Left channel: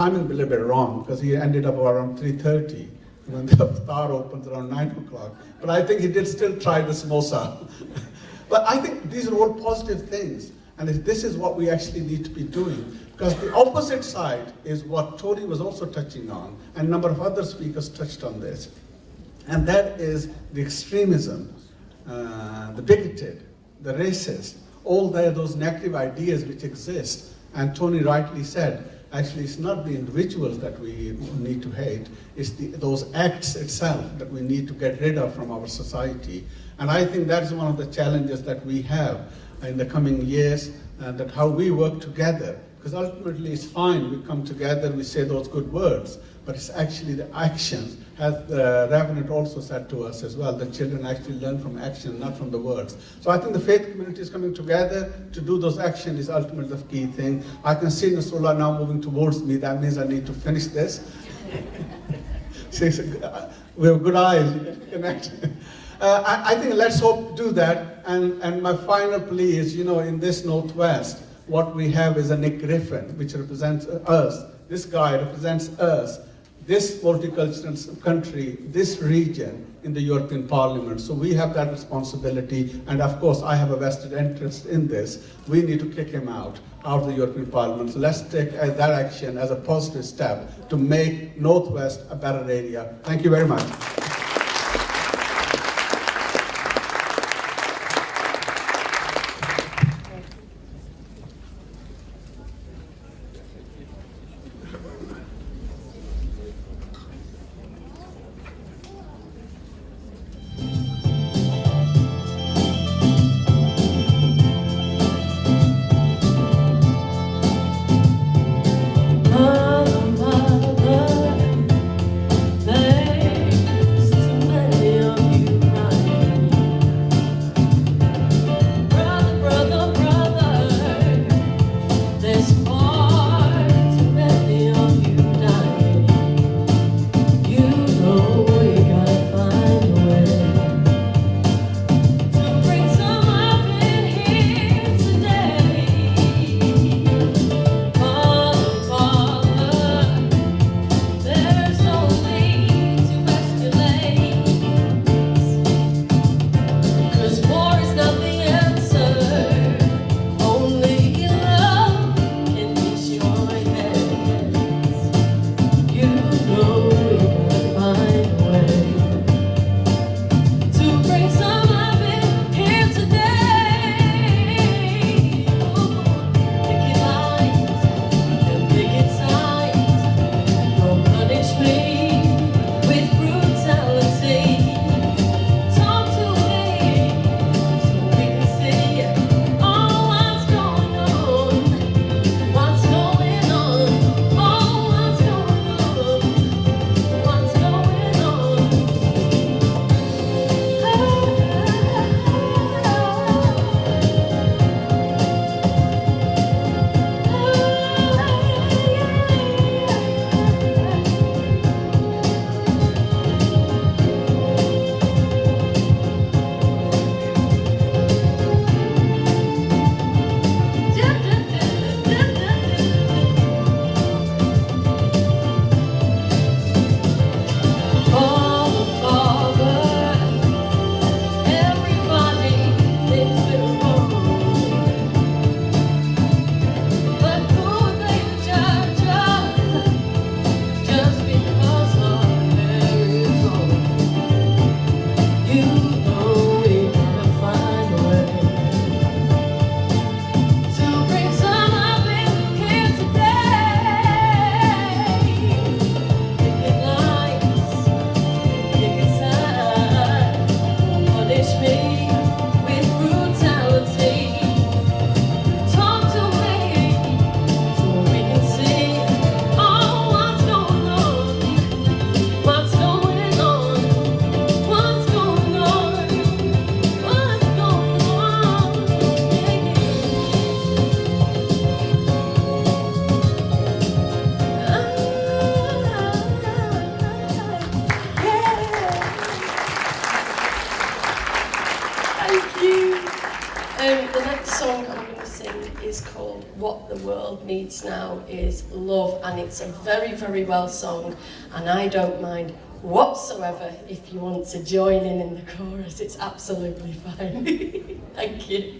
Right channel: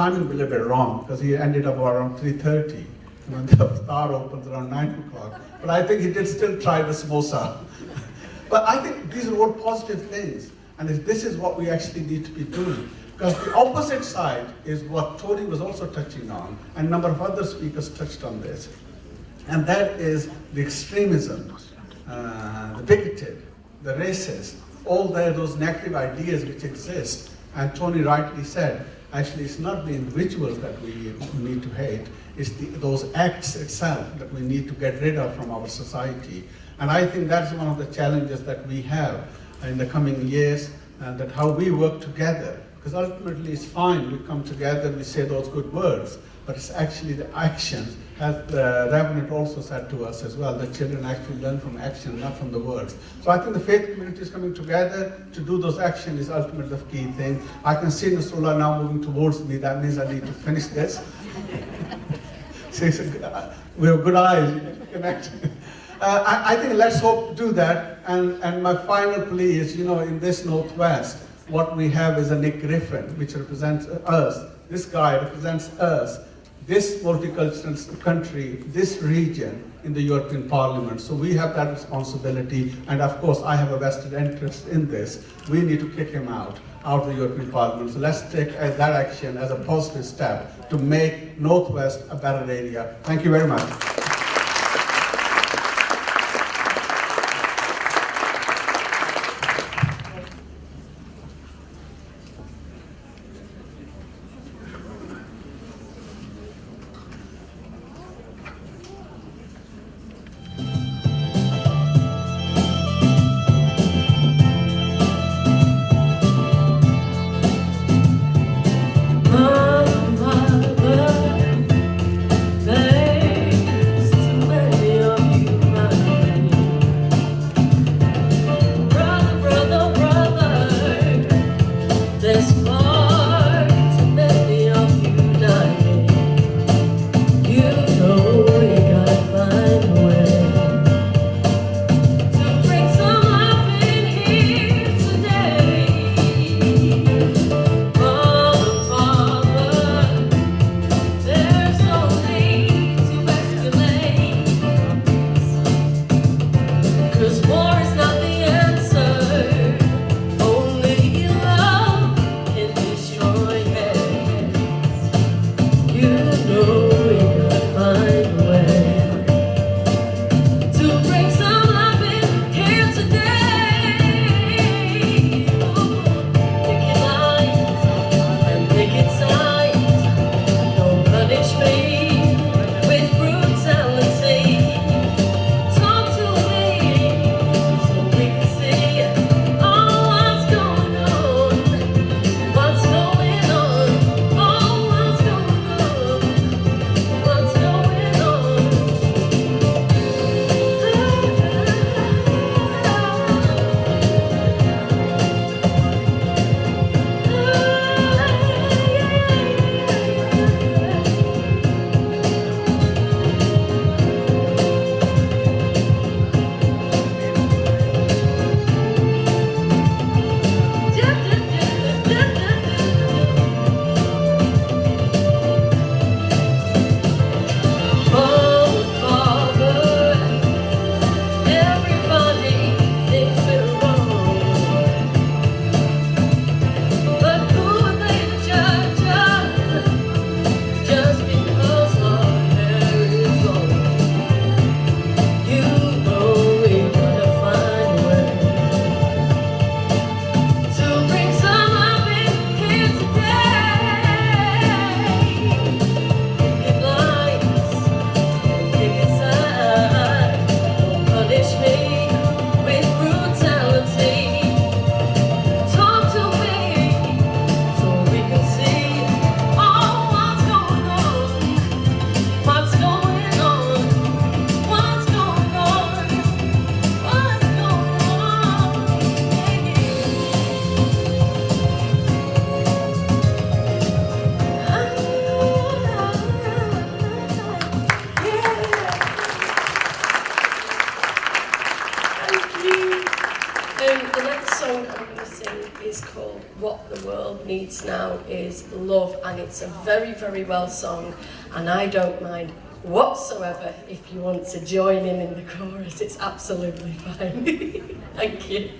timing a little bit wrong because he ended up around 3:30 when the bar opens around 9 o'clock. But I think he did still try the samosa. But I think these are all positive things. And if this is what we actually need to be doing. Because the opposite side is what Tony was also touching on, and a number of other speakers touched on this. And that is the extremism, the bigoted, the racist, all those negative ideas which exist. And Tony rightly said, actually it's not the individuals that we need to hate, it's those acts itself that we need to get rid of from our society. And I think that's one of the challenges that we have in the coming years, that how we work together. Because ultimately it's fine, we come together, we say those good words, but it's actually the actions, as the Reverend also said to us as well, that children actually learn from action, not from the words. So I think the faith community is coming together to do those actions is ultimately the key thing. I can see Nasrullah now moving towards me, that means I need to finish this. We have good eyes, you can connect. I think let's hope to do that. And my final plea is, in this Northwest, what we have is a Nick Griffin, which represents us. This guy represents us, this multicultural country, this region in the European Parliament. So we have that responsibility, and of course I have a vested interest in this. We need to kick him out of the European Parliament. So let's take that action as a positive step to make Northwest a better area. Thank you very much. The next song I'm going to sing is called What the World Needs Now is Love. love, and it's a very, very well sung, and I don't mind whatsoever if you want to join in the chorus. It's absolutely fine. Thank you.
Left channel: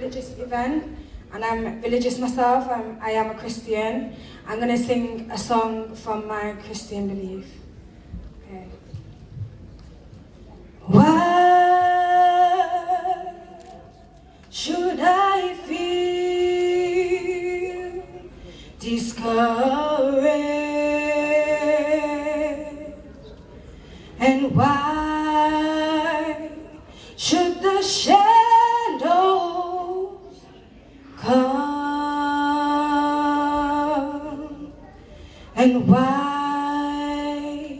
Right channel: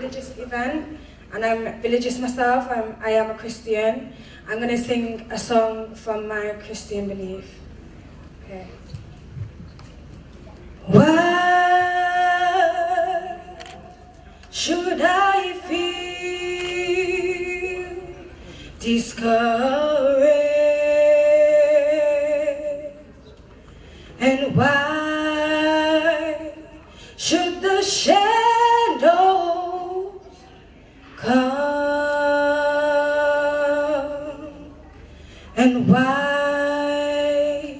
Religious event, and I'm religious myself. I am a Christian. I'm going to sing a song from my Christian belief. Okay. Why should I feel discouraged? And why should the shadows come? And why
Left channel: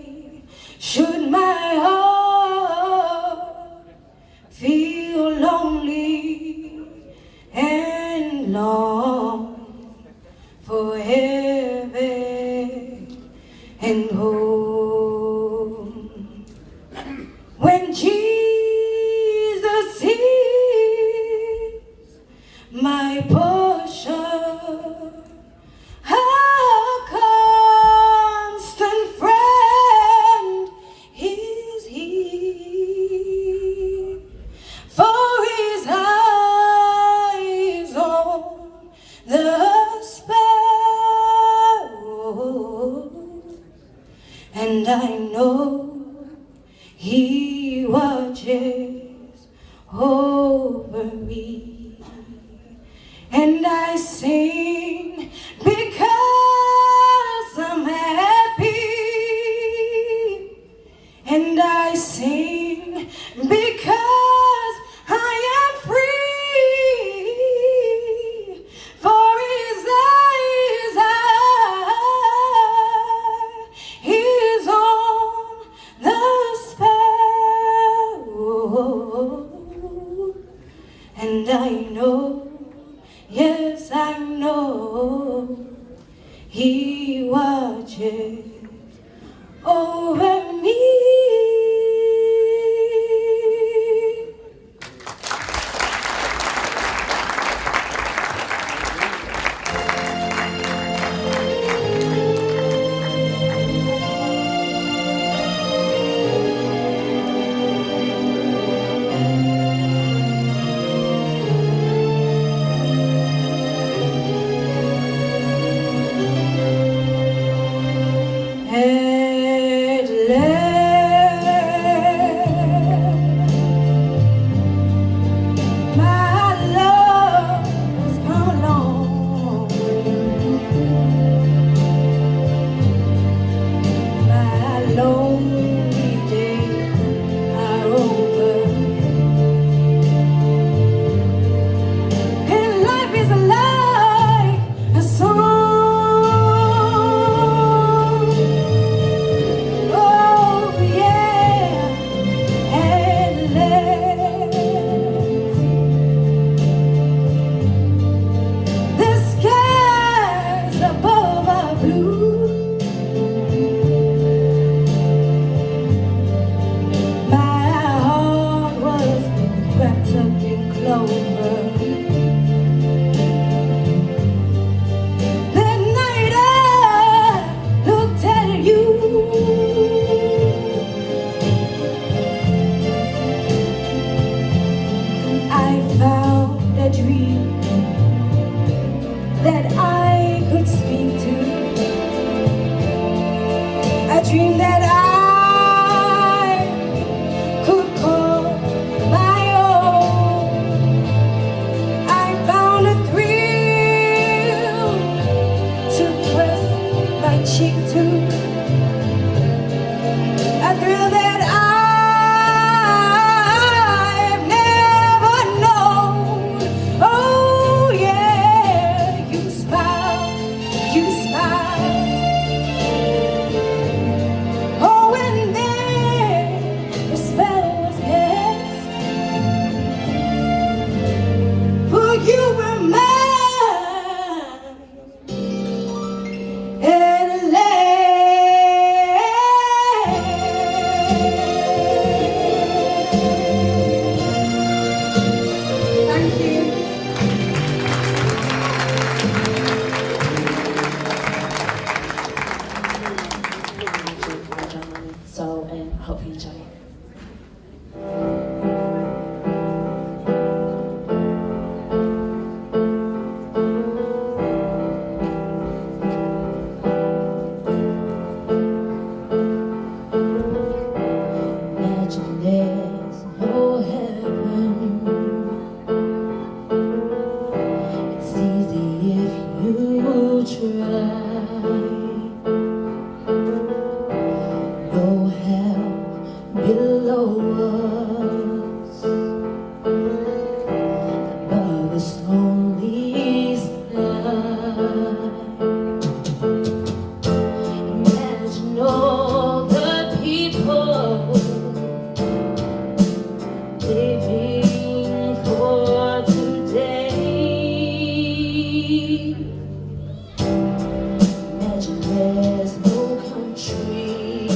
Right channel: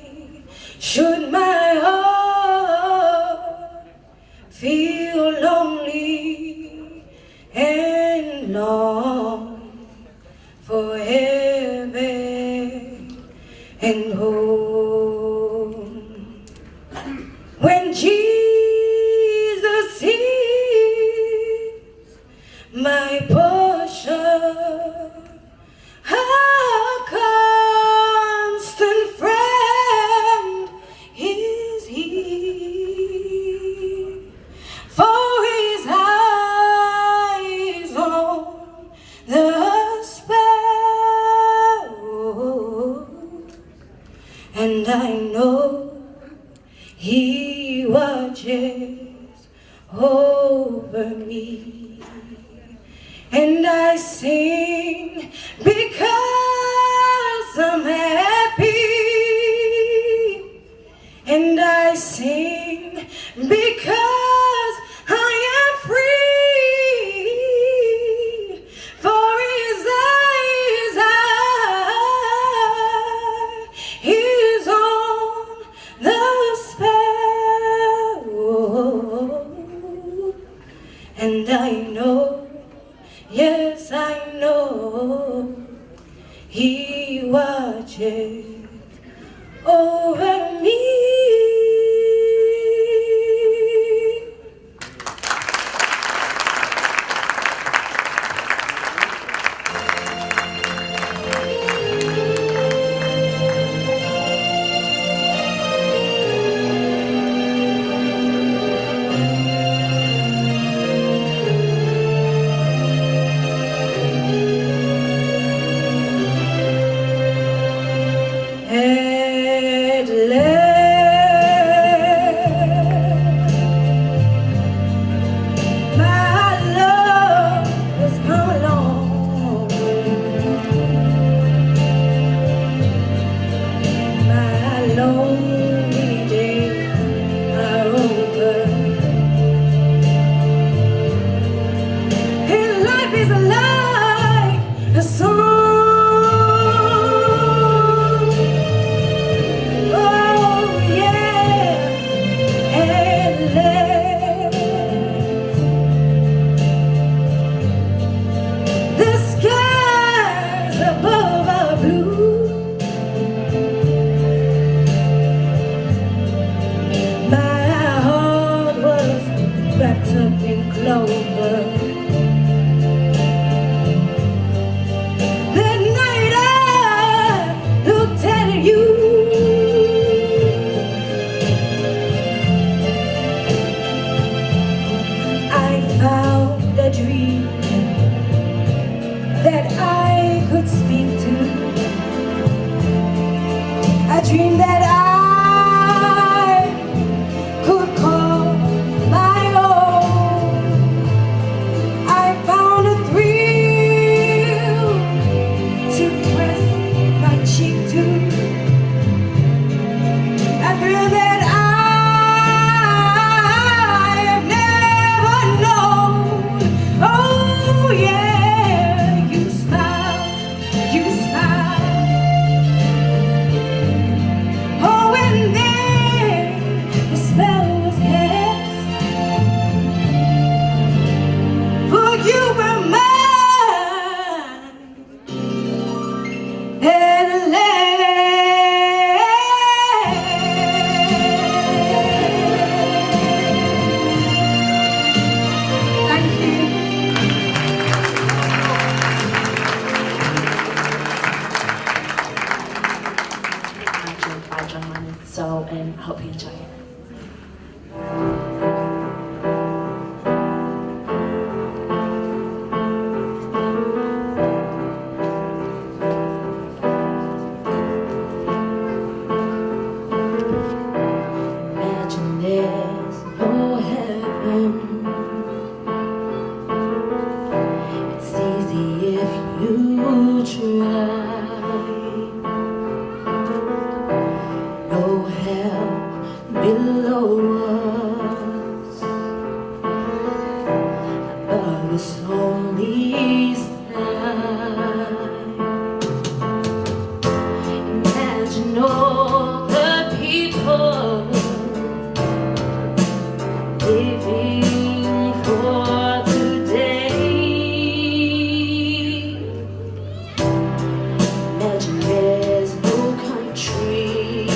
should my heart feel lonely and long for heaven and home? When Jesus is my portion, a constant friend is He. For His eyes on the sparrow, and I know He watches over me. And I sing because I'm happy, and I sing because I am free. For His eyes are His on the sparrow, and I know, yes I know, He watches over me. try. No hell below us, above us only sky. Imagine all the people living for today. Imagine there's no country,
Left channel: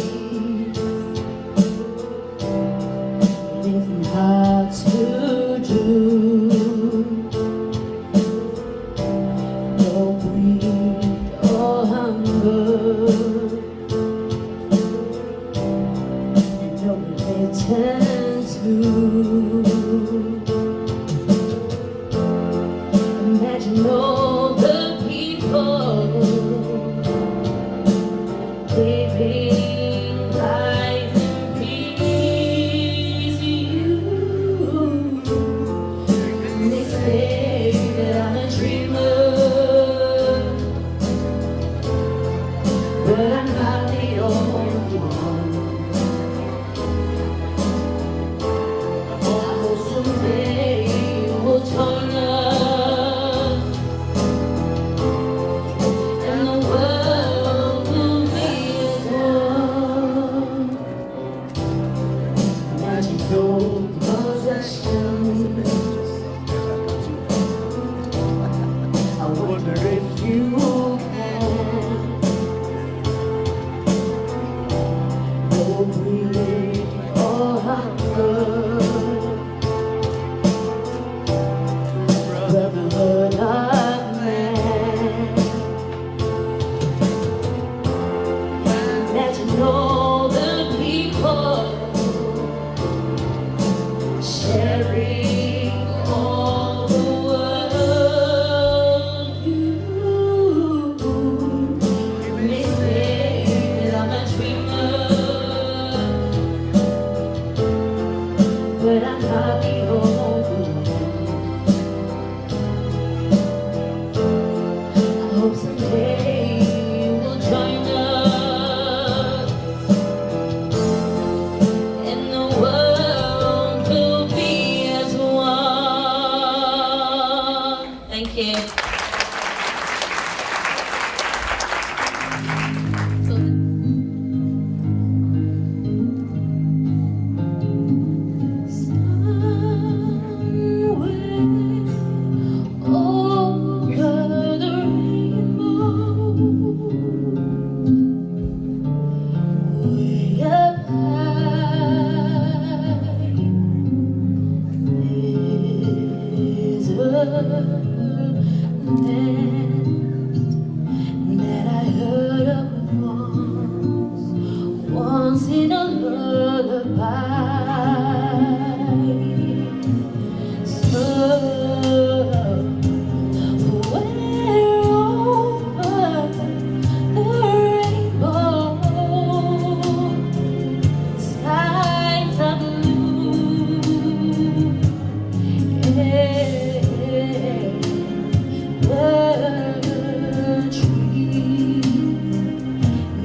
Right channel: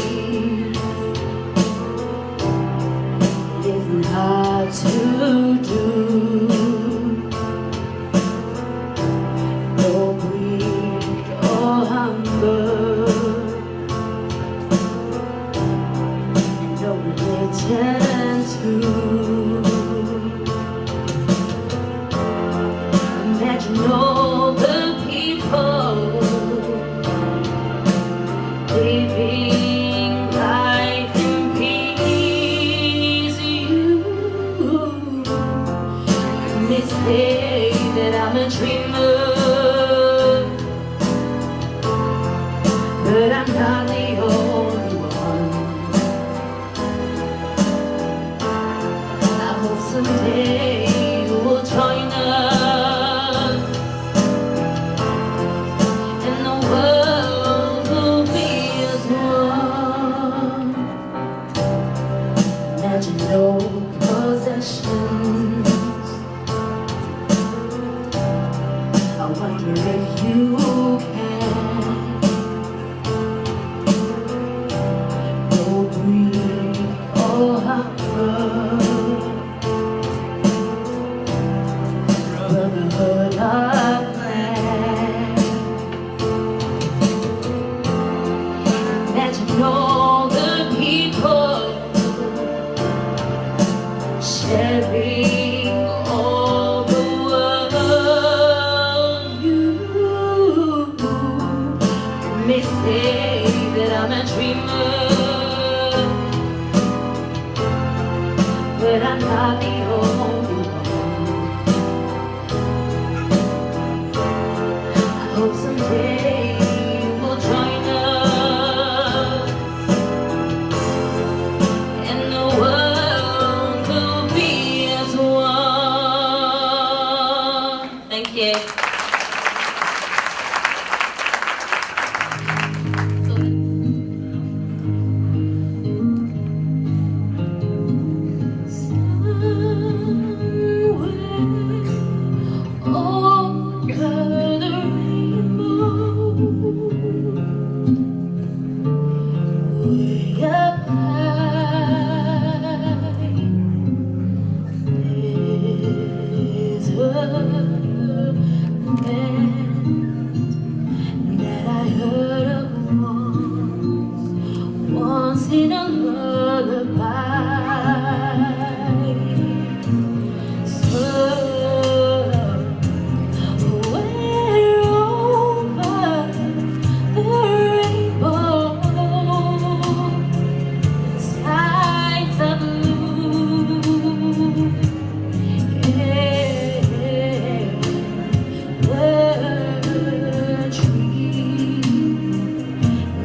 living hard to do. No greed or hunger, no religion too. Imagine all the people living life in peace. You may say that I'm a dreamer, but I'm not the only one. I hope someday you will join us, and the world will be as one. Imagine no possessions. I wonder if you can. No greed or hunger, brotherhood of man. Imagine all the people sharing all the world. You may say that I'm a dreamer, but I'm not the only one. I hope someday you will join us, and the world will be as one. Thank you. Once in a lullaby, somewhere over the rainbow, skies are blue, the tree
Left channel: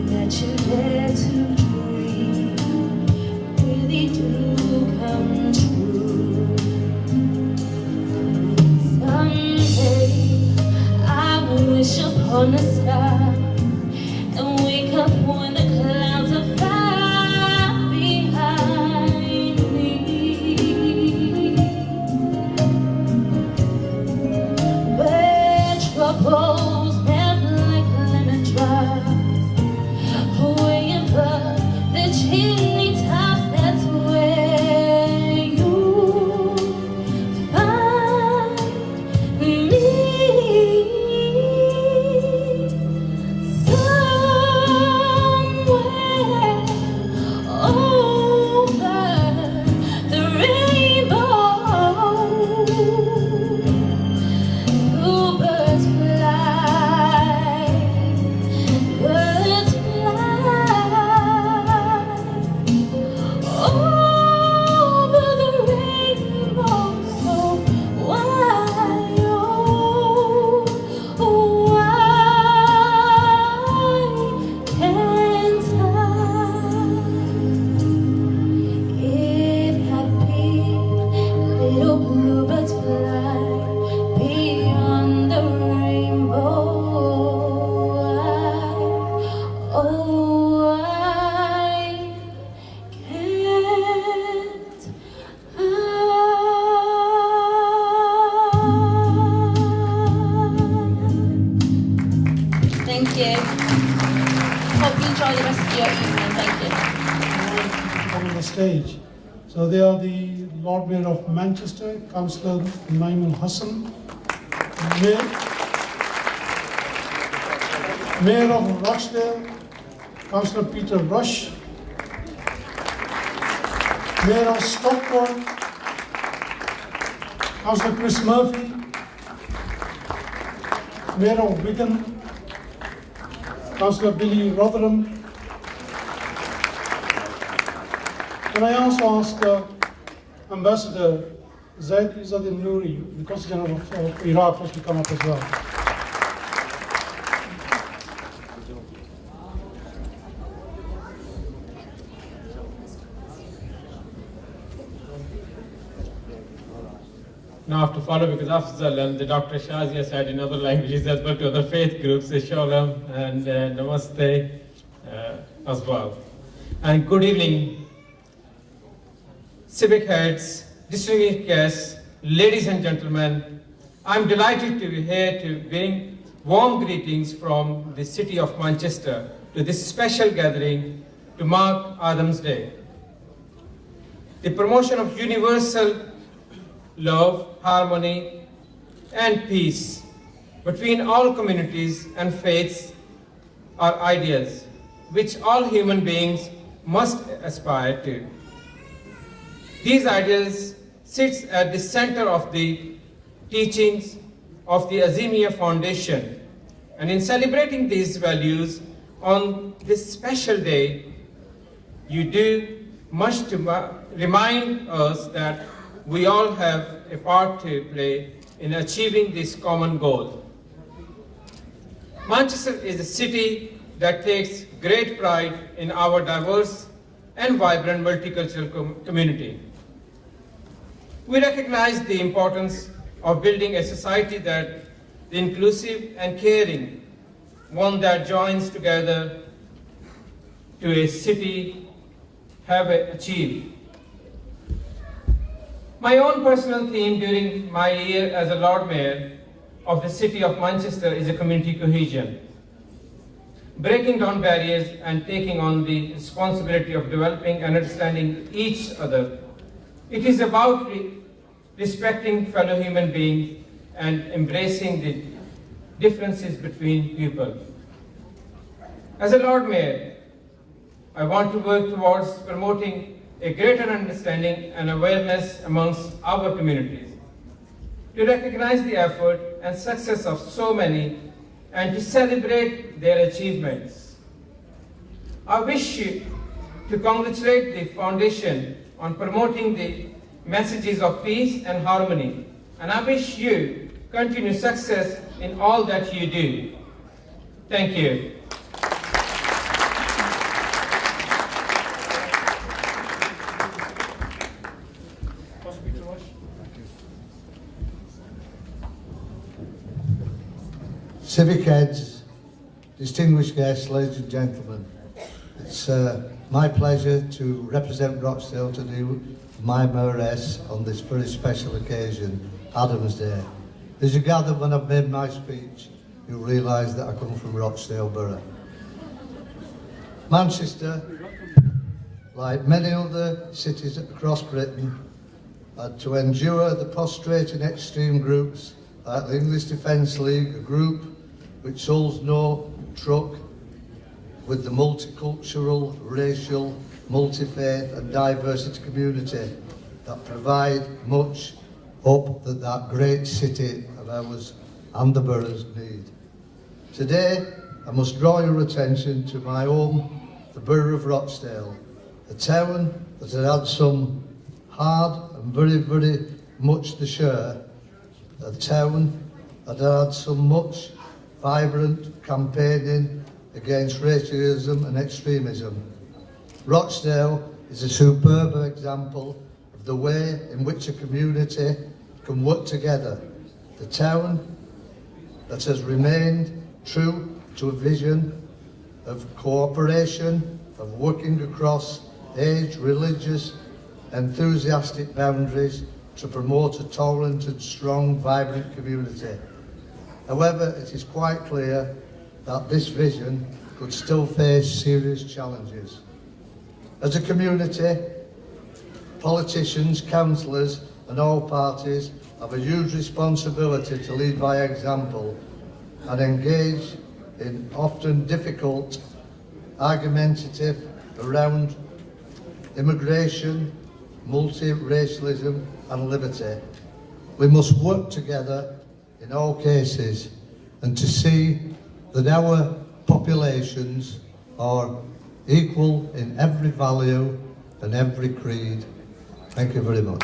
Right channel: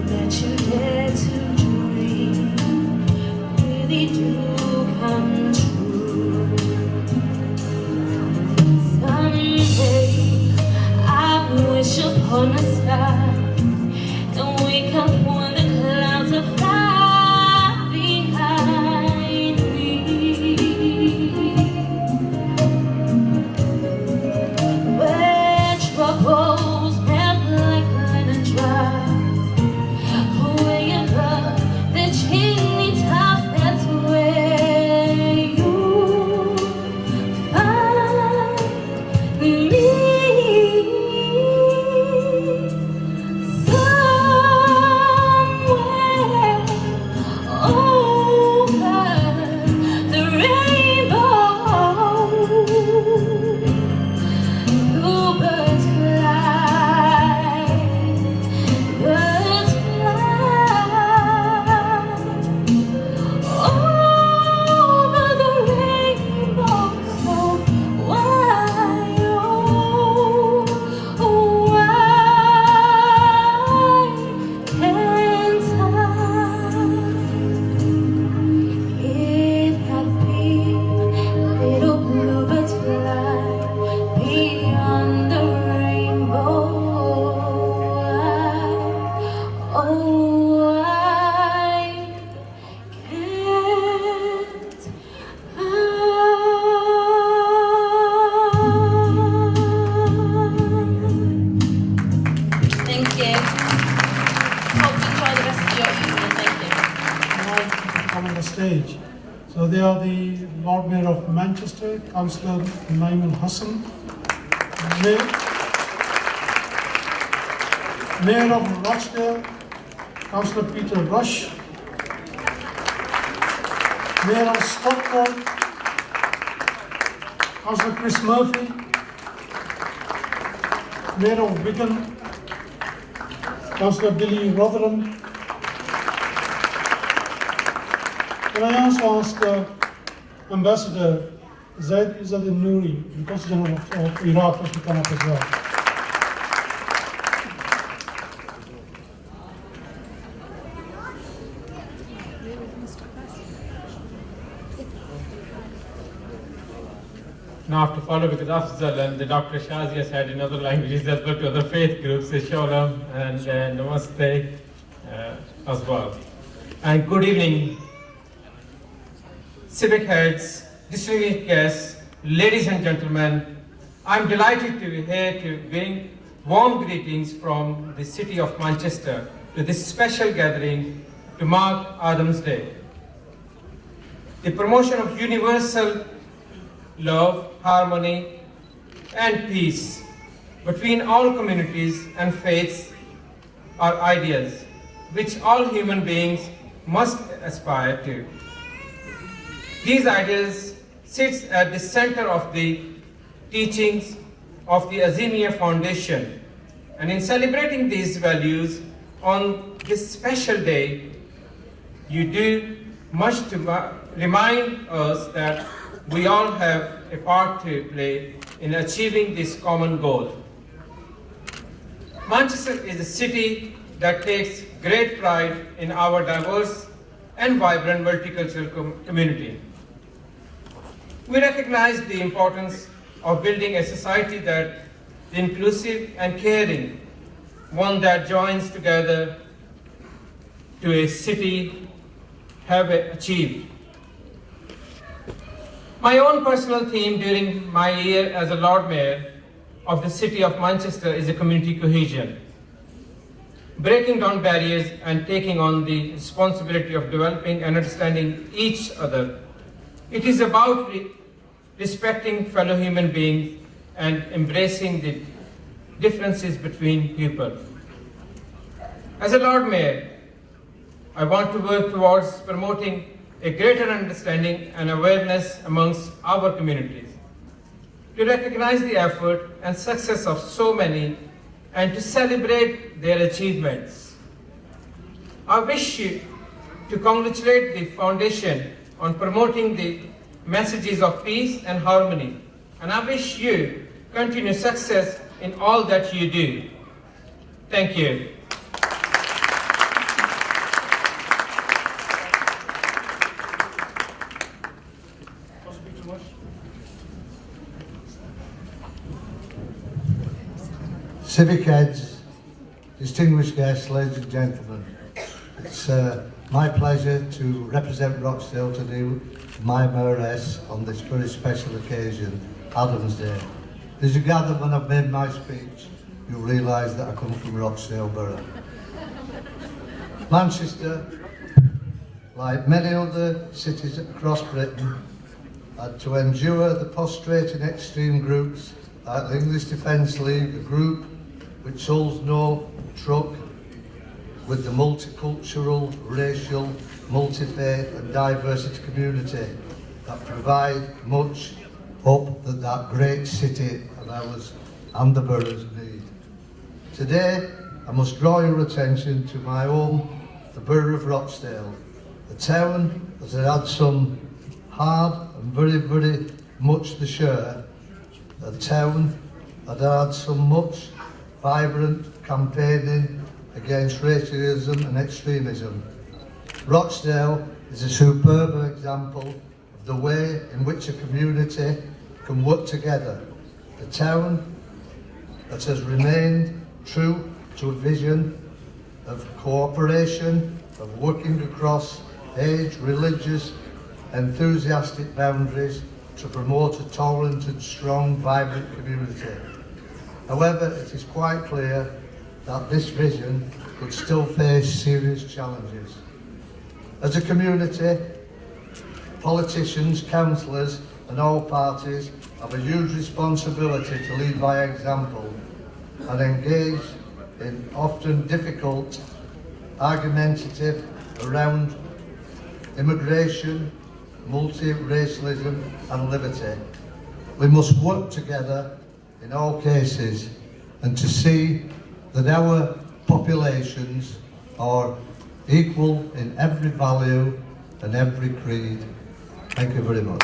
that you dare to dream really do come true. Someday I wish upon a star and wake up when the clouds are far behind me, where troubles melt like linen drops way above the chimney tops. That's where you find me. Somewhere over the rainbow, bluebirds fly, birds fly over the rainbow. So why, oh stage. So they are the Lord Mayor of Manchester, Councillor Naiman Hassan, Mayor of Rochdale, Councillor Peter Rush, Mayor of Stockport, Councillor Chris Murphy, Mayor of Wigan, Councillor Billy Rotherham. Can I also ask Ambassador Zaid Izzadin Nouri, the Consul General of Iraq, to come up as well? Now I have to follow because Afzal and the Dr. Shazia said in other languages as well to other faith groups, Shalom and Namaste as well. And good evening, civic heads, distinguished guests, ladies and gentlemen. I'm delighted to be here to bring warm greetings from the city of Manchester to this special gathering to mark Adam's Day. The promotion of universal love, harmony, and peace between all communities and faiths are ideas which all human beings must aspire to. These ideals sit at the center of the teachings of the Azimia Foundation, and in celebrating these values on this special day, you do much to remind us that we all have a part to play in achieving this common goal. Manchester is a city that takes great pride in our diverse and vibrant multicultural community. We recognize the importance of building a society that is inclusive and caring, one that joins together to a city have achieved. My own personal theme during my year as a Lord Mayor of the city of Manchester is a community cohesion, breaking down barriers and taking on the responsibility of developing and understanding each other. It is about respecting fellow human beings and embracing the differences between people. As a Lord Mayor, I want to work towards promoting a greater understanding and awareness amongst our communities, to recognize the effort and success of so many and to celebrate their achievements. I wish to congratulate the Foundation on promoting the messages of peace and harmony, and I wish you continued success in all that you do. Thank you. Civic heads, distinguished guests, ladies and gentlemen, it's my pleasure to represent Rochdale to do my mayoress on this very special occasion, Adam's Day. As you gather, when I've made my speech, you'll realise that I come from Rochdale Borough. Manchester, like many other cities across Britain, had to endure the prostrating extreme groups like the English Defence League, a group which holds no truck with the multicultural, racial, multi-faith and diversity community that provide much hope that that great city and ours and the boroughs need. Today, I must draw your attention to my home, the borough of Rochdale, a town that has had some hard and very, very much to share, a town that had some much vibrant campaigning against racism and extremism. Rochdale is a superb example of the way in which a community can work together. The town that has remained true to a vision of cooperation, of working across age, religious, enthusiastic boundaries to promote a tolerant and strong, vibrant community. However, it is quite clear that this vision could still face serious challenges. As a community, politicians, councillors and all parties have a huge responsibility to lead by example and engage in often difficult, argumentative around immigration, multi-racialism and liberty. We must work together in all cases and to see that our populations are equal in every value and every creed. Thank you very much.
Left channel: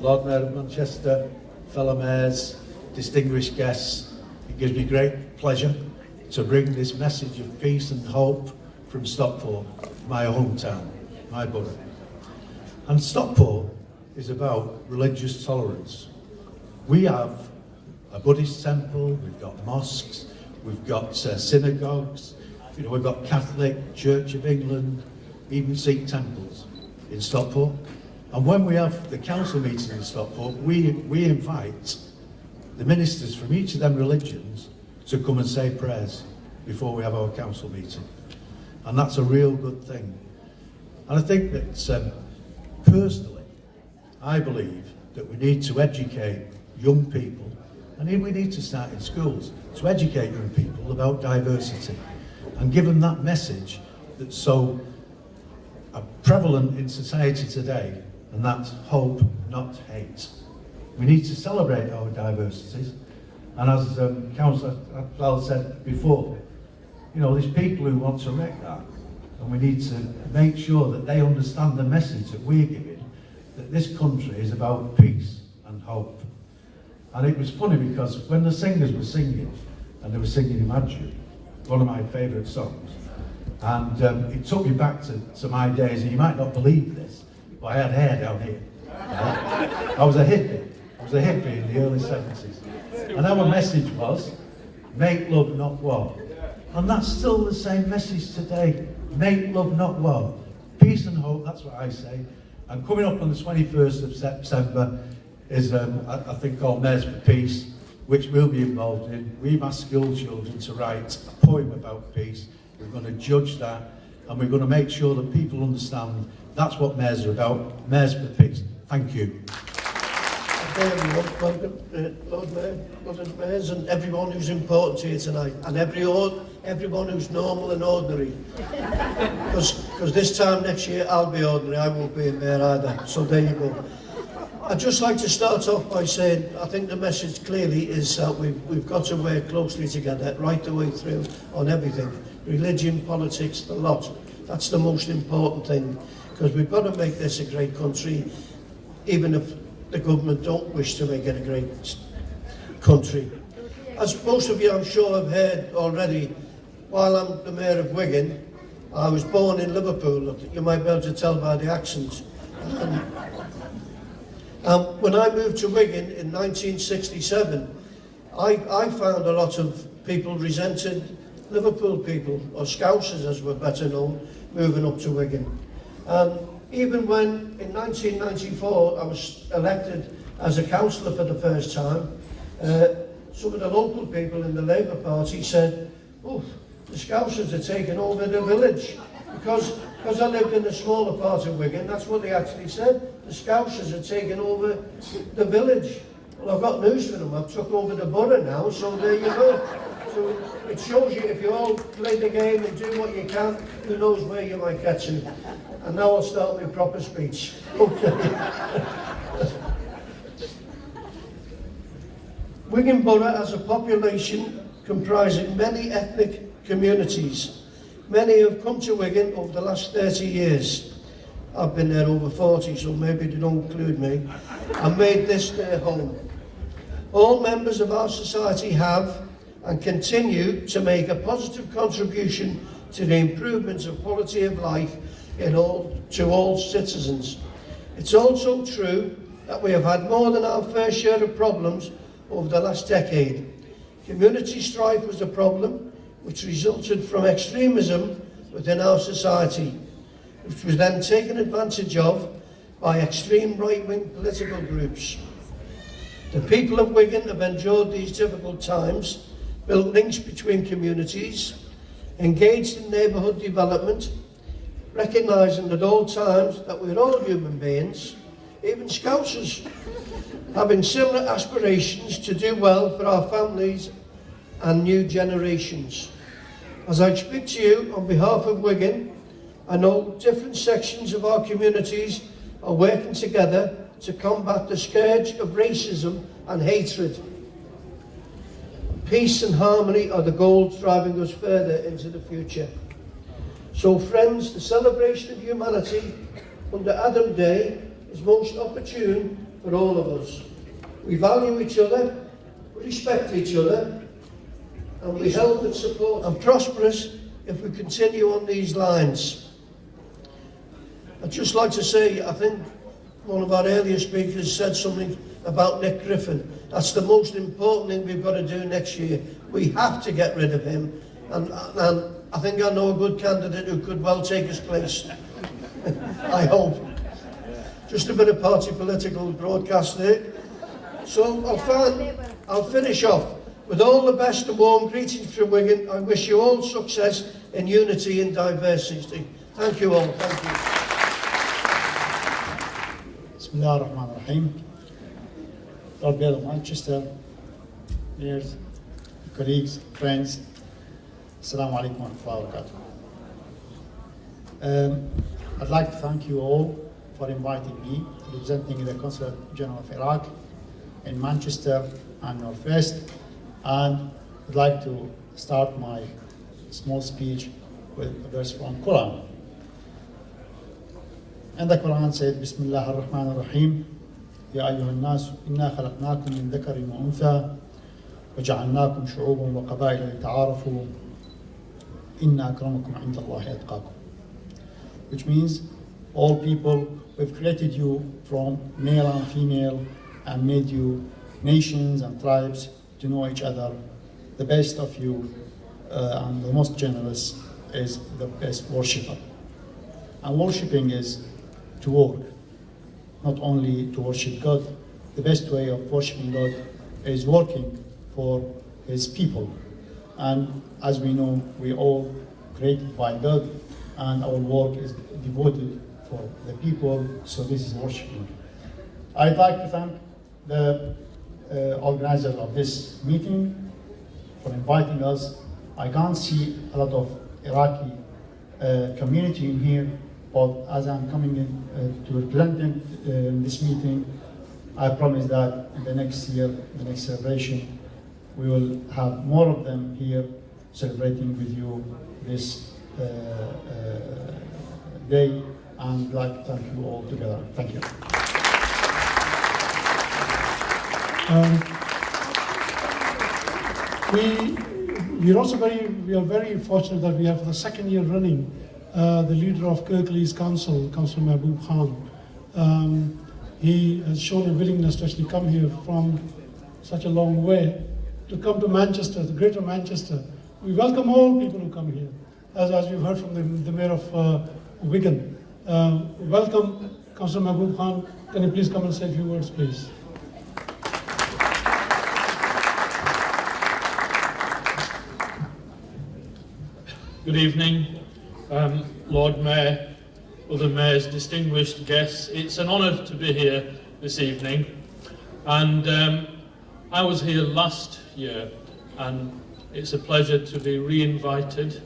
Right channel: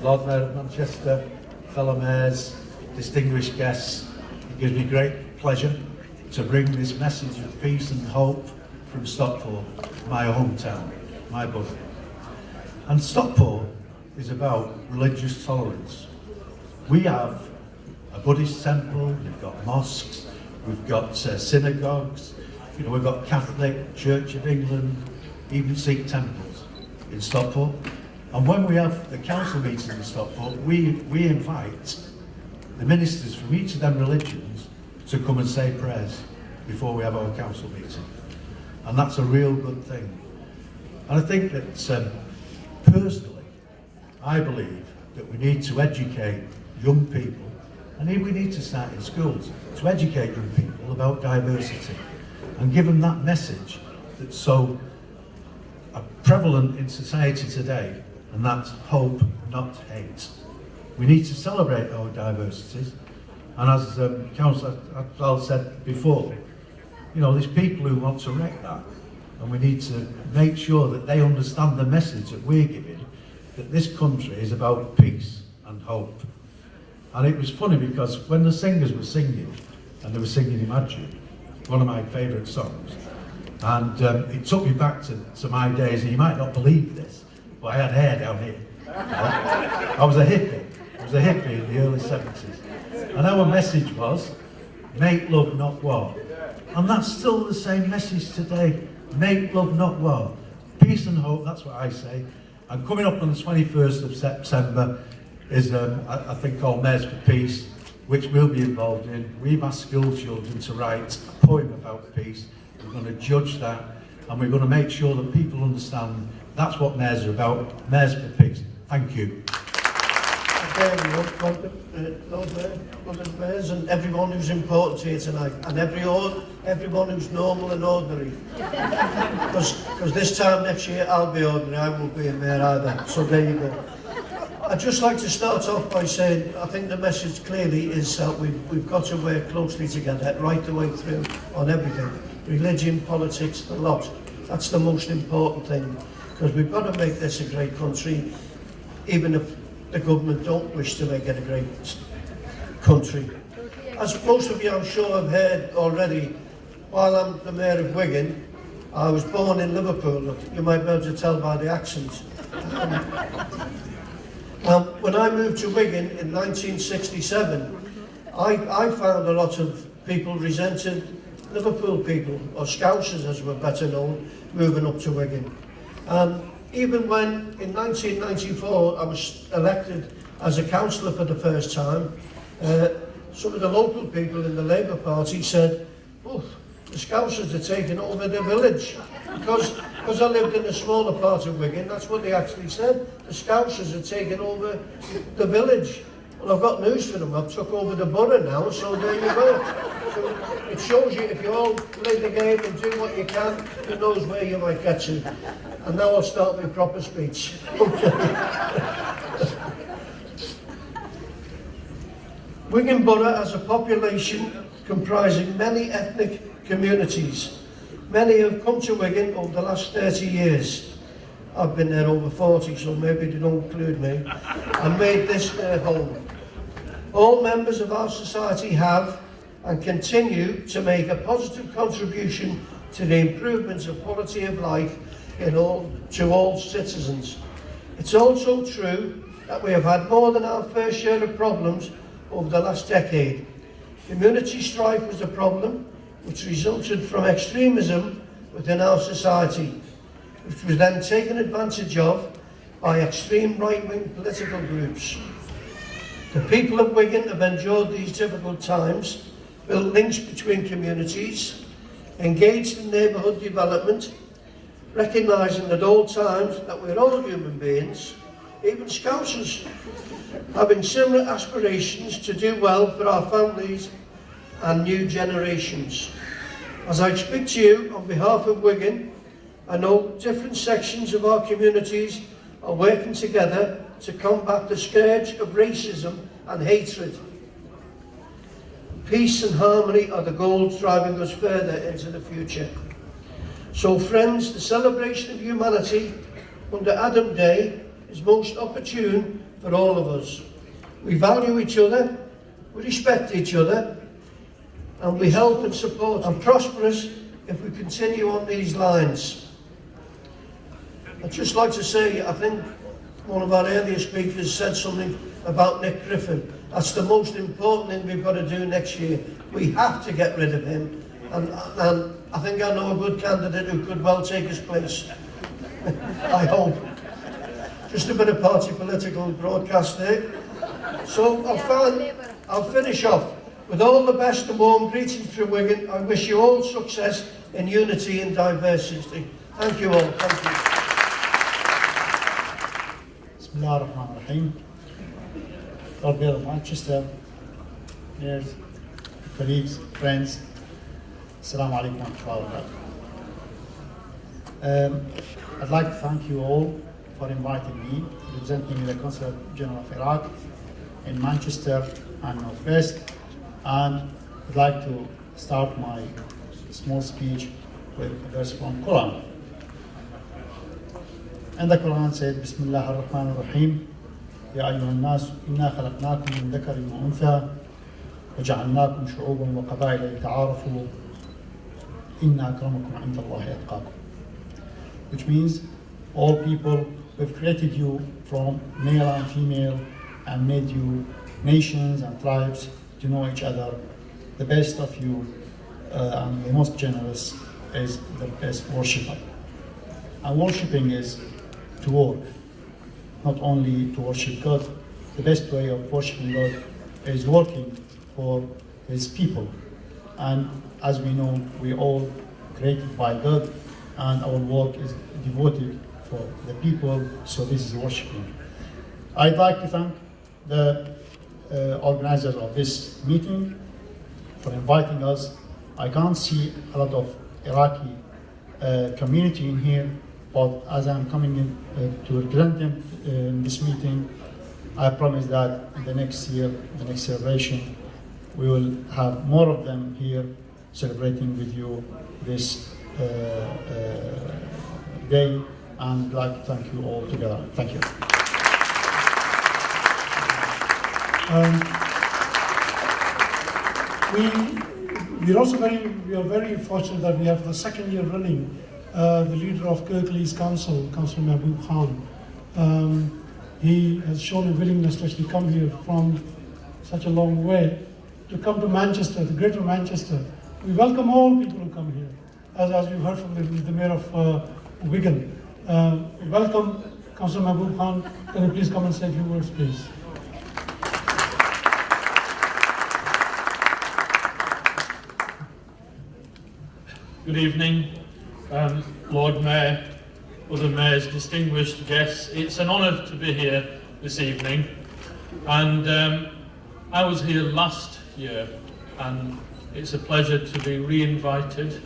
Lord Mayor of Manchester, fellow mayors, distinguished guests, it gives me great pleasure to bring this message of peace and hope from Stockport, my hometown, my borough. And Stockport is about religious tolerance. We have a Buddhist temple, we've got mosques, we've got synagogues, we've got Catholic, Church of England, even Sikh temples in Stockport. And when we have the council meetings in Stockport, we invite the ministers from each of them religions to come and say prayers before we have our council meeting. And that's a real good thing. And I think that personally, I believe that we need to educate young people, and we need to start in schools, to educate young people about diversity and give them that message that's so prevalent in society today, and that's hope, not hate. We need to celebrate our diversities, and as Councillor Atwell said before, there's people who want to wreck that, and we need to make sure that they understand the message that we're giving, that this country is about peace and hope. And it was funny because when the singers were singing, and they were singing Imagine, one of my favourite songs, and it took me back to my days, and you might not believe this, but I had hair down here. I was a hippie. I was a hippie in the early 70s. And our message was, make love, not war. And that's still the same message today. Make love, not war. Peace and hope, that's what I say. And coming up on the 21st of September is a thing called Mayors for Peace, which we'll be involved in. We've asked school children to write a poem about peace. We're going to judge that, and we're going to make sure that people understand that's what mayors are about. Mayors for Peace. Thank you. Lord Mayor, Lord Mayors, and everyone who's important here tonight, and everyone who's normal and ordinary. Because this time next year I'll be ordinary, I won't be a mayor either. So there you go. I'd just like to start off by saying I think the message clearly is that we've got to work closely together right the way through on everything. Religion, politics, the lot. That's the most important thing, because we've got to make this a great country, even if the government don't wish to make it a great country. As most of you I'm sure have heard already, while I'm the Mayor of Wigan, I was born in Liverpool. You might be able to tell by the accent. When I moved to Wigan in 1967, I found a lot of people resented Liverpool people, or Scousers as we're better known, moving up to Wigan. Even when in 1994 I was elected as a councillor for the first time, some of the local people in the Labour Party said, oh, the Scousers are taking over the village. Because I lived in a smaller part of Wigan, that's what they actually said. The Scousers are taking over the village. Well, I've got news for them. I've took over the borough now, so there you go. So it shows you if you all play the game and do what you can, who knows where you might get to. And now I'll start my proper speech. Okay. Wigan Borough has a population comprising many ethnic communities. Many have come to Wigan over the last 30 years. I've been there over 40, so maybe they don't include me. And made this their home. All members of our society have and continue to make a positive contribution to the improvement of quality of life to all citizens. It's also true that we have had more than our fair share of problems over the last decade. Community strife was a problem which resulted from extremism within our society, which was then taken advantage of by extreme right-wing political groups. The people of Wigan have endured these difficult times, built links between communities, engaged in neighbourhood development, recognising at all times that we're all human beings, even Scousers, having similar aspirations to do well for our families and new generations. As I speak to you on behalf of Wigan, I know different sections of our communities are working together to combat the scourge of racism and hatred. Peace and harmony are the goals driving us further into the future. So friends, the celebration of humanity under Adam Day is most opportune for all of us. We value each other, we respect each other, and we help and support and prosperous if we continue on these lines. I'd just like to say, I think one of our earlier speakers said something about Nick Griffin. That's the most important thing we've got to do next year. We have to get rid of him, and I think I know a good candidate who could well take his place. I hope. Just a bit of party political broadcast there. So I'll finish off with all the best and warm greetings from Wigan. I wish you all success in unity and diversity. Thank you all. Thank you. Bismillah ar-Rahman ar-Rahim. Lord Mayor of Manchester, mayors, colleagues, friends, Assalamu alaikum wa rahmatullahi wa barakatuh. I'd like to thank you all for inviting me, representing the Consulate General of Iraq in Manchester and North West, and I'd like to start my small speech with a verse from Quran. And the Quran said, Bismillah ar-Rahman ar-Rahim, Ya ayyuhan nas, inna khalaqnakum min dhakarin wa untha, وجعلناكم شعوبا وقبائل لتعارفوا إن أكرمكم عند الله أتقاكم. Which means, all people, we've created you from male and female and made you nations and tribes to know each other. The best of you and the most generous is the best worshipper. And worshipping is to work, not only to worship God. The best way of worshiping God is working for His people. And as we know, we all created by God, and our work is devoted for the people, so this is worshiping. I'd like to thank the organizers of this meeting for inviting us. I can't see a lot of Iraqi community in here, but as I'm coming in to represent them in this meeting, I promise that in the next year, the next celebration, we will have more of them here celebrating with you this day, and I'd like to thank you all together. Thank you. We are very fortunate that we have the second year running the leader of Kirklees Council, Councillor Mahbub Khan. He has shown a willingness to actually come here from such a long way to come to Manchester, the Greater Manchester. We welcome all people who come here, as we've heard from the Mayor of Wigan. We welcome Councillor Mahbub Khan. Can you please come and say a few words, please? Good evening, Lord Mayor, other mayors, distinguished guests. It's an honour to be here this evening, and I was here last year, and it's a pleasure to be re-invited,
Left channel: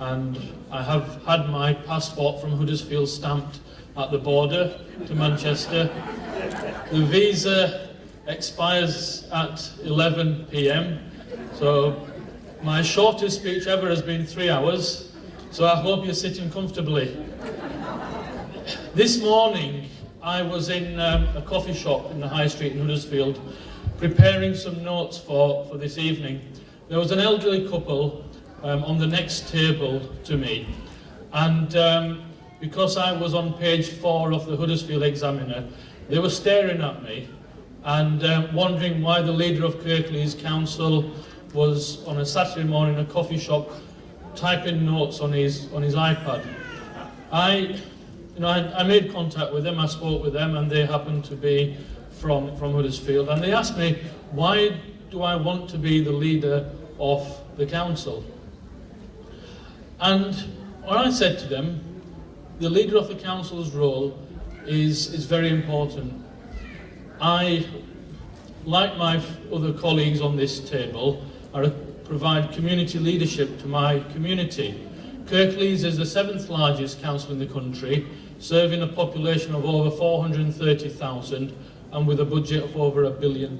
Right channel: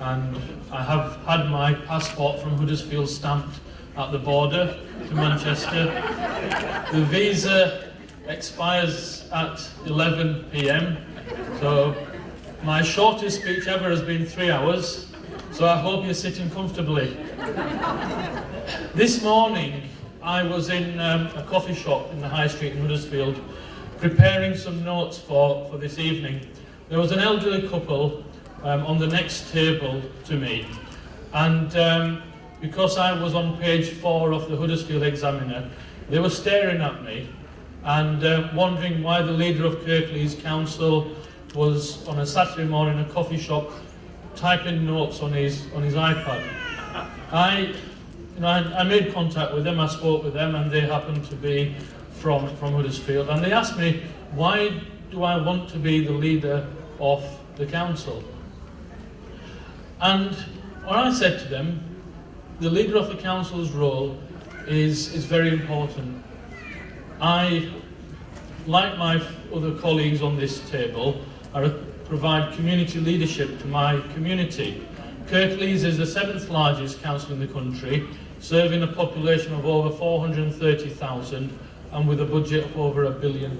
and I have had my passport from Huddersfield stamped at the border to Manchester. The visa expires at 11 p.m, so my shortest speech ever has been 3 hours, so I hope you're sitting comfortably. This morning, I was in a coffee shop in the High Street in Huddersfield, preparing some notes for this evening. There was an elderly couple on the next table to me, and because I was on page 4 of the Huddersfield Examiner, they were staring at me and wondering why the leader of Kirklees Council was on a Saturday morning in a coffee shop typing notes on his iPad. I made contact with them, I spoke with them, and they happened to be from Huddersfield, and they asked me, why do I want to be the leader of the council? And what I said to them, the leader of the council's role is very important. I, like my other colleagues on this table, provide community leadership to my community. Kirklees is the 7th largest council in the country, serving a population of over 430,000 and with a budget of over £1 billion.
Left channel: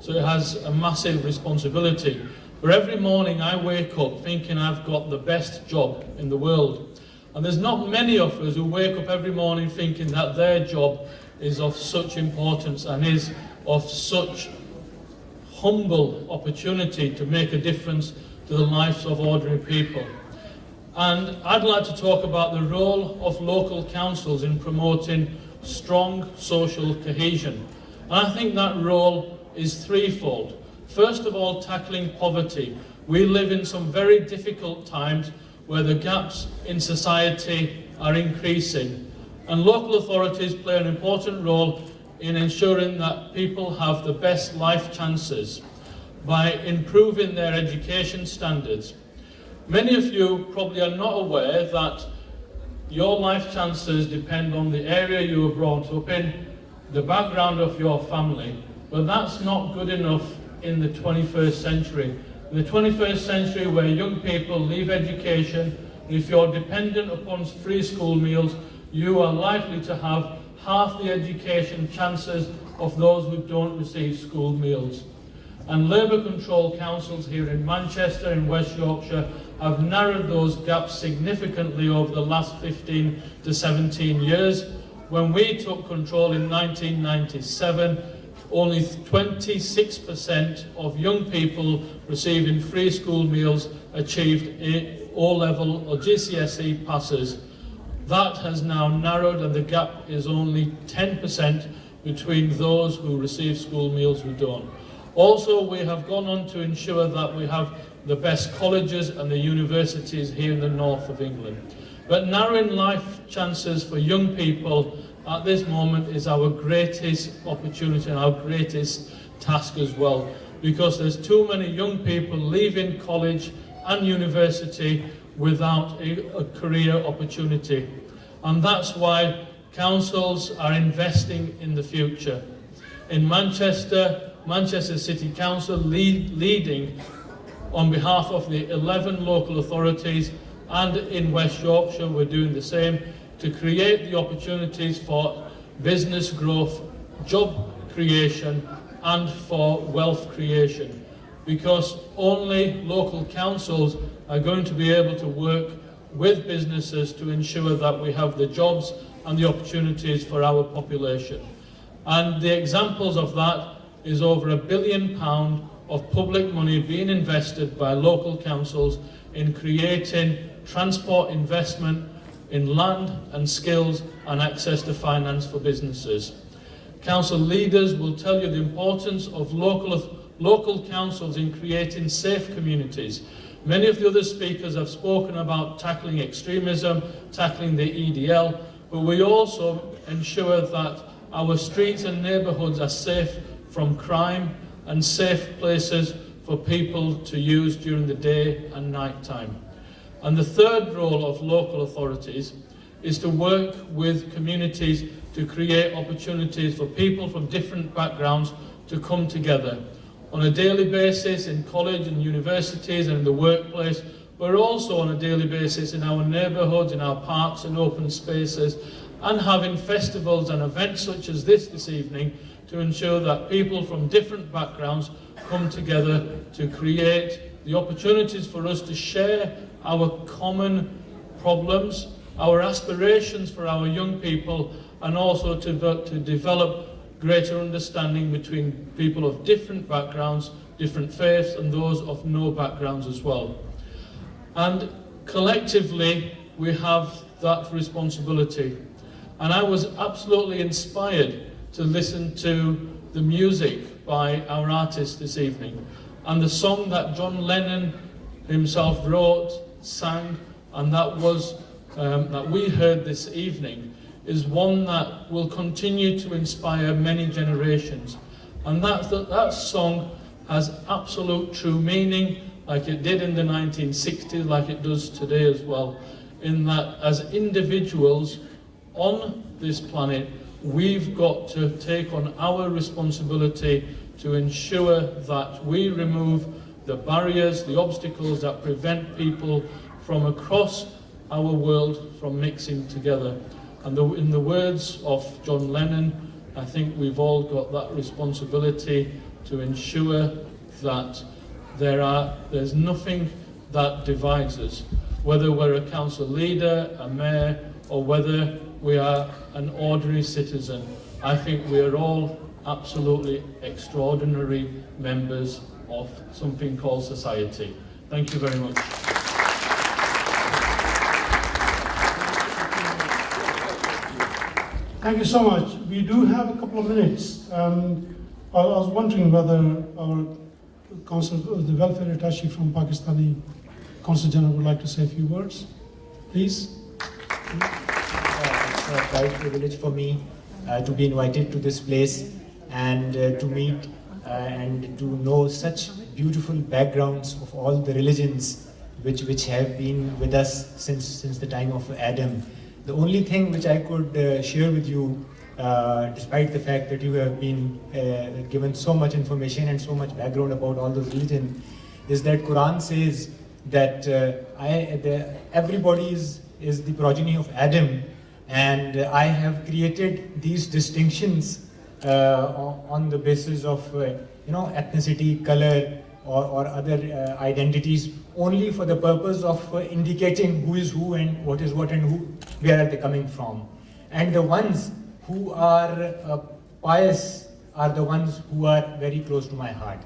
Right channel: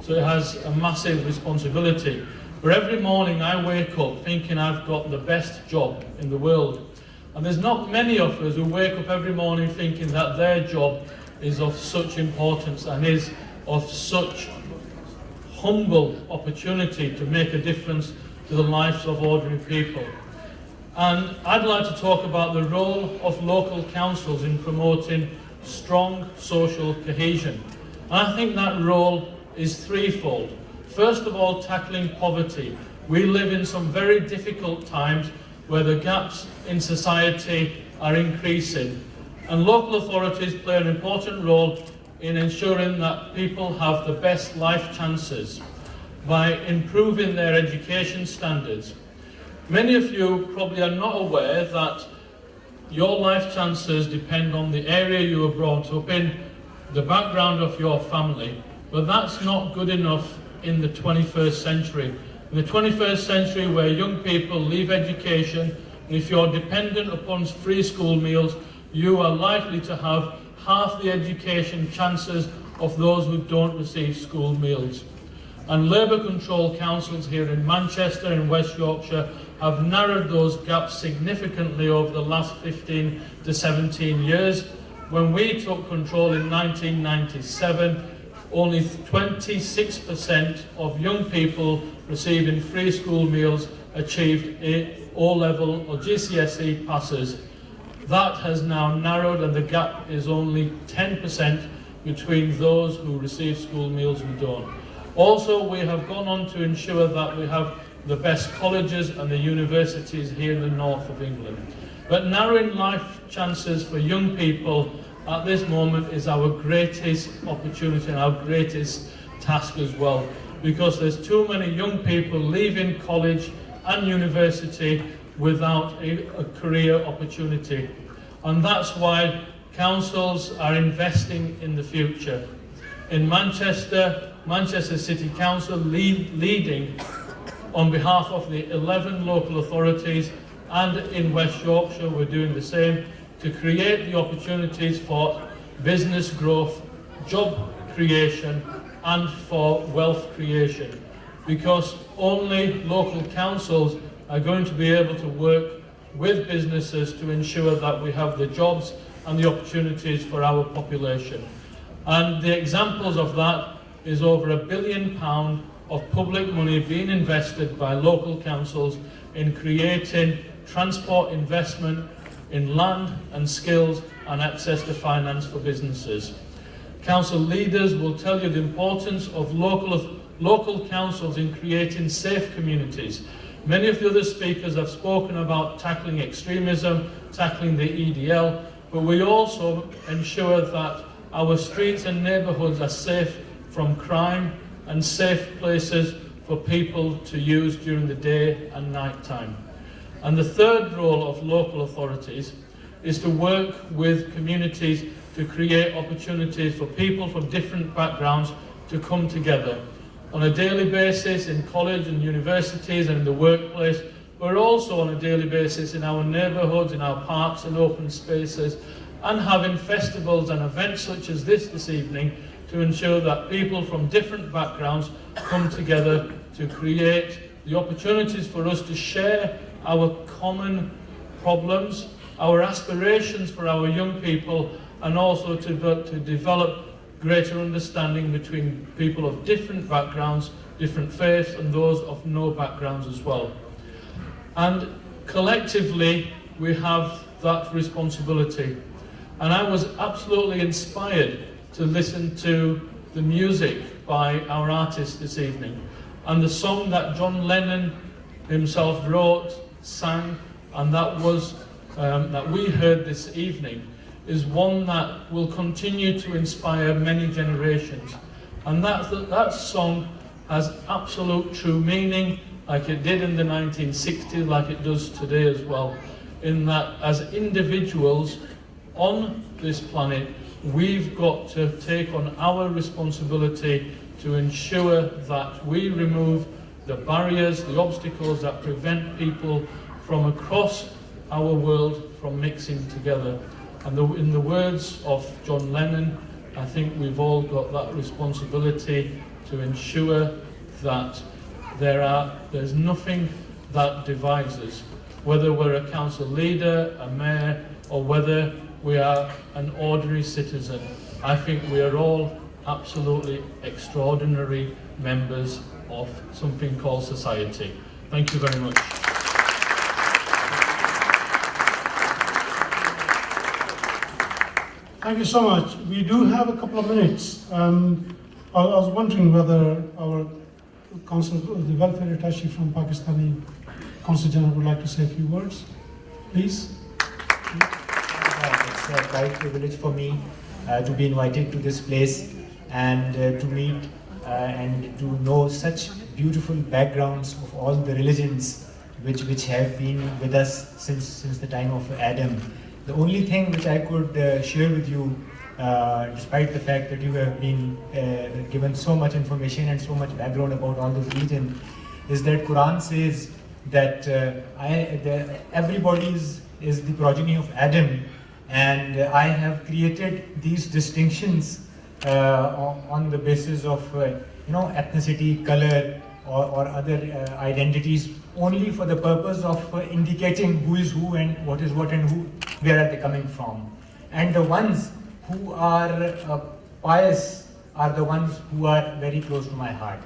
So it has a massive responsibility. But every morning I wake up thinking I've got the best job in the world. And there's not many of us who wake up every morning thinking that their job is of such importance and is of such humble opportunity to make a difference to the lives of ordinary people. And I'd like to talk about the role of local councils in promoting strong social cohesion. And I think that role is threefold. First of all, tackling poverty. We live in some very difficult times where the gaps in society are increasing. And local authorities play an important role in ensuring that people have the best life chances by improving their education standards. Many of you probably are not aware that your life chances depend on the area you were brought up in, the background of your family, but that's not good enough in the 21st century. In the 21st century, where young people leave education, and if you're dependent upon free school meals, you are likely to have half the education chances of those who don't receive school meals. And Labour controlled councils here in Manchester and West Yorkshire have narrowed those gaps significantly over the last 15 to 17 years. When we took control in 1997, only 26% of young people receiving free school meals achieved O-level or GCSE passes. That has now narrowed, and the gap is only 10% between those who receive school meals who don't. Also, we have gone on to ensure that we have the best colleges and the universities here in the north of England. But narrowing life chances for young people at this moment is our greatest opportunity and our greatest task as well, because there's too many young people leaving college and university without a career opportunity. And that's why councils are investing in the future. In Manchester, Manchester City Council leading on behalf of the 11 local authorities, and in West Yorkshire we're doing the same to create the opportunities for business growth, job creation and for wealth creation, because only local councils are going to be able to work with businesses to ensure that we have the jobs and the opportunities for our population. And the examples of that is over £1 billion of public money being invested by local councils in creating transport investment in land and skills and access to finance for businesses. Council leaders will tell you the importance of local councils in creating safe communities. Many of the other speakers have spoken about tackling extremism, tackling the EDL, but we also ensure that our streets and neighbourhoods are safe from crime and safe places for people to use during the day and night time. And the third role of local authorities is to work with communities to create opportunities for people from different backgrounds to come together on a daily basis in college and universities and in the workplace, but also on a daily basis in our neighbourhoods, in our parks and open spaces, and having festivals and events such as this evening to ensure that people from different backgrounds come together to create the opportunities for us to share our common problems, our aspirations for our young people, and also to develop greater understanding between people of different backgrounds, different faiths, and those of no backgrounds as well. And collectively, we have that responsibility. And I was absolutely inspired to listen to the music by our artist this evening, and the song that John Lennon himself wrote, sang, and that we heard this evening is one that will continue to inspire many generations. And that song has absolute true meaning, like it did in the 1960s, like it does today as well, in that as individuals on this planet, we've got to take on our responsibility to ensure that we remove the barriers, the obstacles that prevent people from across our world from mixing together. And in the words of John Lennon, I think we've all got that responsibility to ensure that there's nothing that divides us, whether we're a council leader, a mayor, or whether we are an ordinary citizen. I think we are all absolutely extraordinary members of something called society. Thank you very much. Thank you so much. We do have a couple of minutes. I was wondering whether our Council, the Welfare Attaché from Pakistani Consul General would like to say a few words. Please. It's a proud privilege for me to be invited to this place and to meet and to know such beautiful backgrounds of all the religions which have been with us since the time of Adam. The only thing which I could share with you, despite the fact that you have been given so much information and so much background about all those religions, is that Quran says that everybody is the progeny of Adam, and I have created these distinctions on the basis of ethnicity, color, or other identities, only for the purpose of indicating who is who and what is what and where are they coming from. And the ones who are pious are the ones who are very close to my heart.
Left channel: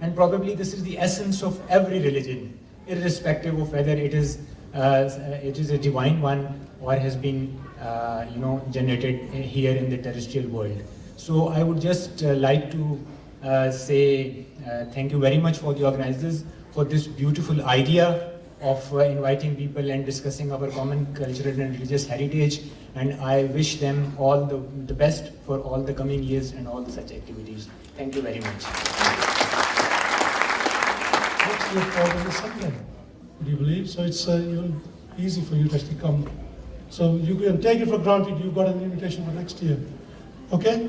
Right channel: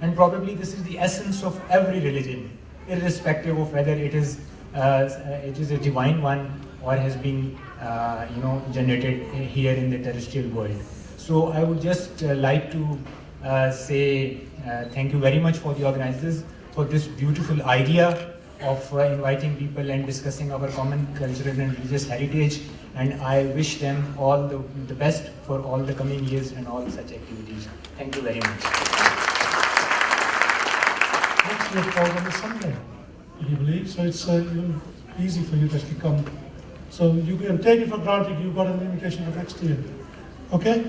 And probably this is the essence of every religion, irrespective of whether it is a divine one or has been generated here in the terrestrial world. So I would just like to say thank you very much for the organizers for this beautiful idea of inviting people and discussing our common cultural and religious heritage, and I wish them all the best for all the coming years and all such activities. Thank you very much. Next year falls on a Sunday, would you believe? So it's even easy for you to actually come. So you can take it for granted you've got an invitation for next year. Okay?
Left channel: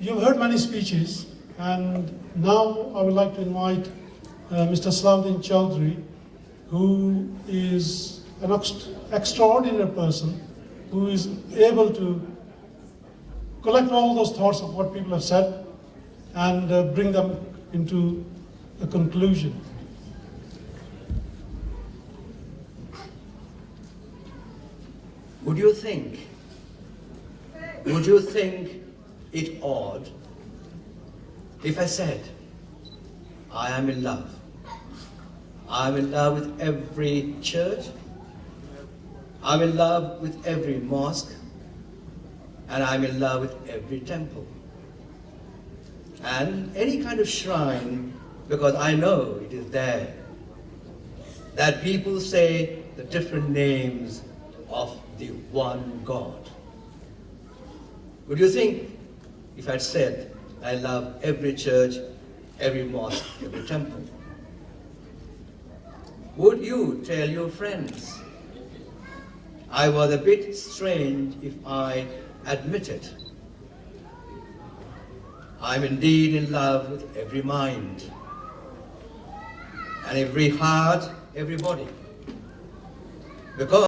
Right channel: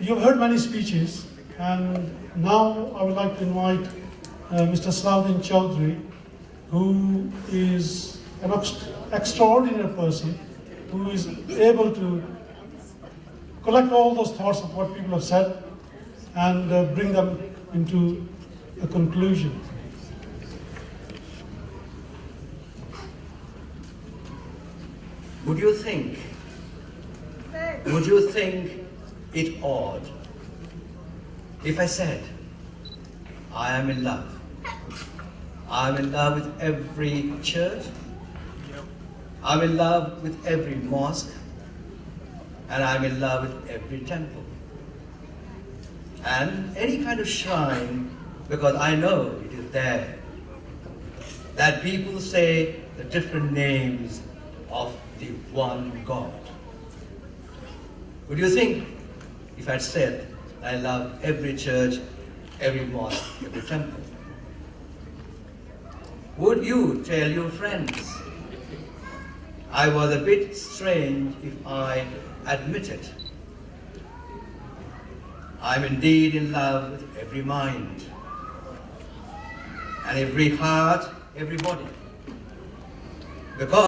You've heard many speeches, and now I would like to invite Mr. Salahuddin Chowdhury, who is an extraordinary person, who is able to collect all those thoughts of what people have said and bring them into a conclusion. Would you think it odd if I said, I am in love? I'm in love with every church, I'm in love with every mosque, and I'm in love with every temple. And any kind of shrine, because I know it is there, that people say the different names of the one God. Would you think if I'd said I love every church, every mosque, every temple? Would you tell your friends? I was a bit strange if I admitted I'm indeed in love with every mind and every heart, everybody. Because